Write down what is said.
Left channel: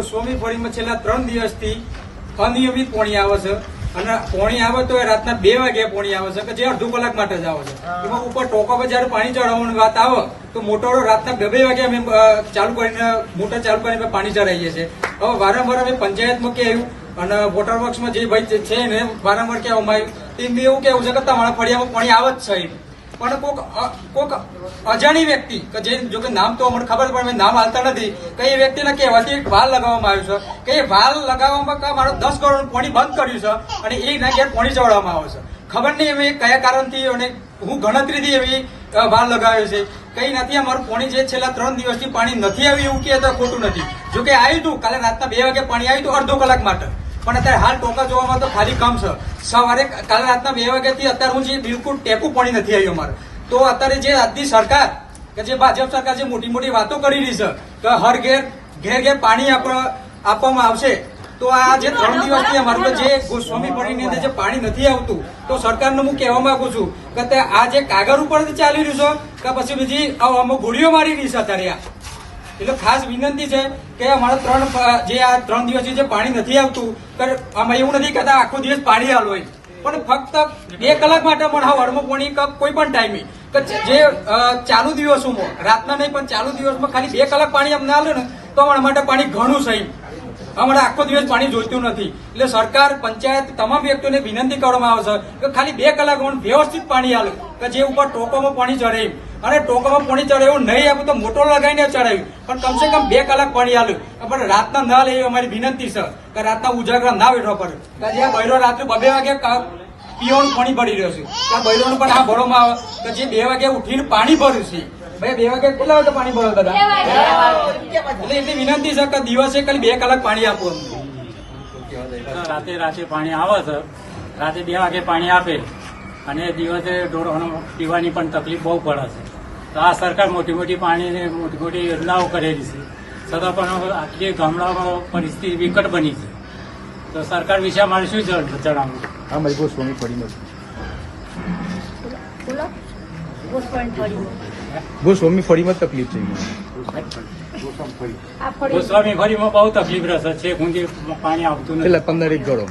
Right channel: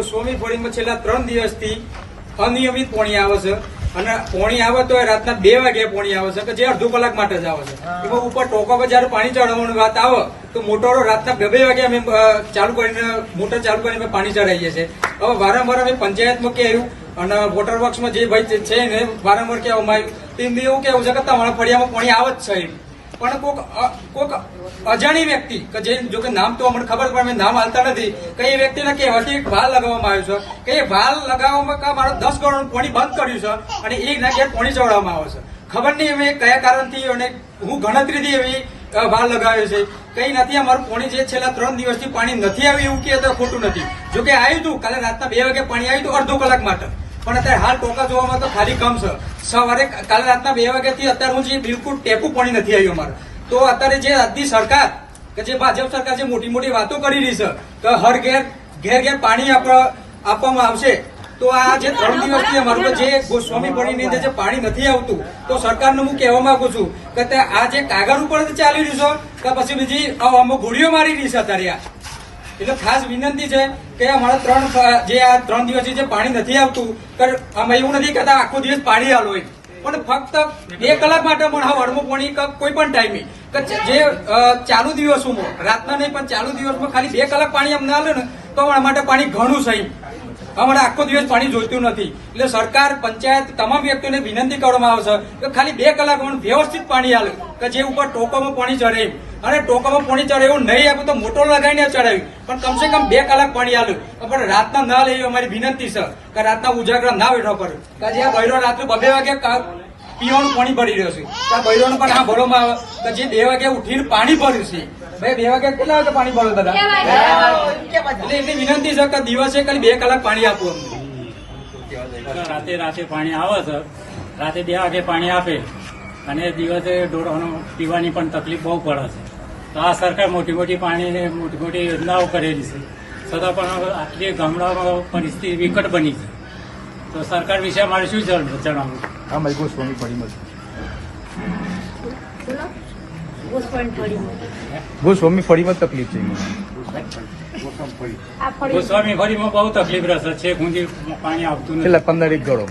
ગોસ્વામી ફળીમાં છેલ્લા 3 દિવસથી અનિયમિત પાણી આવે છે અને પાણી આવે તો રાતના 2 વાગે પાણી આવે છે કે જે અડધો કલાક માટે જ આવે છે. એમાં ઉપર ટોકા પર જયારે પાણી ચડાવવાની વાત આવે તો મોટરો રાતના 2 વાગે અમે મોટર ચાલુ કરીને પાણી ચડાવીએ છીએ. હવે વારંવાર અમે પંચાયતમાં કહેવું અને વોટર વર્ક્સમાં જે ભાઈ છે ને વારંવાર કહેવામાં આવ્યું તેમ બી એવું કેવું છે કે તમારા ફળિયામાં પાણી આવે જ છે. પણ કોઈક અજાણી વ્યક્તિ કે જે જો કે નામ તો અમને ખબર પણ નામ હાલતા નથી કે એ વ્યક્તિને કહેવાથી વાલ લગાવવામાં આવ્યું છે કે એ વાલ લગાવવામાં મારે 10 કરોડ પાણી બંધ કર્યું છે અને એ ના ઘેર પાણી ચડાવવામાં આવે છે. ખબર નહીં હવે કયા કારણથી અને હું ગણતરીથી એવી વાલ લગાવ્યો છે કઈ નથી. અમારું પાણી જે છેલ્લા 3 દિવસથી પાણી નથી આવ્યું એવું કહે તો ખોટું નથી. જો કે આવ્યું હતું કાલે રાતના 2 વાગે પાણી આવ્યું હતું અડધો કલાક માટે, પણ અત્યારે હાલ ટોકા જોવામાં તો ખાલી કમ છે. સવારે કાલે રાતના 2 વાગ્યાથી અત્યારે હું જે બિલકુલ ટેપું પાણી નથી આવ્યું અમારે. તો અત્યારે જે આજની સરકાર કે જે ભાજપ સરકાર જે મોટી મોટી વાતો કરી રહી છે કે હર ઘેર પાણી આપવામાં આવશે, તો આ જે 3 દિવસથી અમારું જે ગોસ્વામી ફળીની અંદર જે પાણી નથી આવતું તો સરકારને હું કહેવા માંગુ છું કે આ જે કાગળ ઉપર ચાલી રહ્યું છે કે પછી બીજી અમુક ગોળીઓ મારી રહી છે અત્યારે. એટલે ખાસ વિનંતી છે કે અમારા 3 દિવસથી જે પાણી નથી આવતું, અમે એવું નથી કહેતા આખો દિવસ પાણી હાલ હોય, પણ ફક્ત 2 કલાક માટે પણ હવારમાં પાણી કોઈ પણ ટાઈમે જે ચાલુ દિવસોમાં રાતના નહીં પણ ચાલુ દિવસમાં ખાલી 2 કલાક પાણી અમને હાલે ને તો અમારા માટે પાણી ઘણું છે. અમારે આખો દિવસ પાણી જોઈતું નથી. એટલે સરકાર, પંચાયત, તમામ વ્યક્તિઓને વિનંતી કરવામાં આવે છે કે ખાલી 2 કલાક વ્યવસ્થિત પાણી હાલે કે જે ઉપર ટોકામાં પાણી ચડે અને ટોકામાં પાણી ચડે એવું નહીં આપે તો મોટર લગાવીને ચડાવ્યું, પણ કમસે કમ 2 કલાક પાણી હાલ્યું. પણ રાતના ન લે એવી અમારી વિનંતી છે કે રાતના ઉજાગરા ના વેઠવા પડે. કે જે બૈરો રાત્રે 2 વાગે પીવાનું પાણી ભરી રહ્યો છે ત્યાં બૈરોને પણ આ ભરવામાં આવે કે જે 2 વાગે ઉઠીને પાણી ભર્યું છે. ભાઈ 2 વાગે કેટલા વાગે પાણી ભરો દાદા? એટલે એટલી વિનંતી છે કે દિવસે ખાલી 2 કલાક પાણી આપવું અમને. રાતે પાણી આવે છે, રાતે 2 વાગે પાણી આપે અને દિવસે ઢોરોને પીવાની પણ તકલીફ બહુ પડે છે. તો આ સરકાર મોટી મોટી યોજનાઓ કરેલી છે, છતાં પણ આટલી ગામડાઓમાં પરિસ્થિતિ વિકટ બની છે. તો સરકાર વિશે મારે શું જણાવવું? ગોસ્વામી ફળીમાં તકલીફ છે. ગોસ્વામી ફળીમાં બહુ તકલીફ રહેશે છે, ઊંધી પાણી આવતું નથી. 15 ઘરો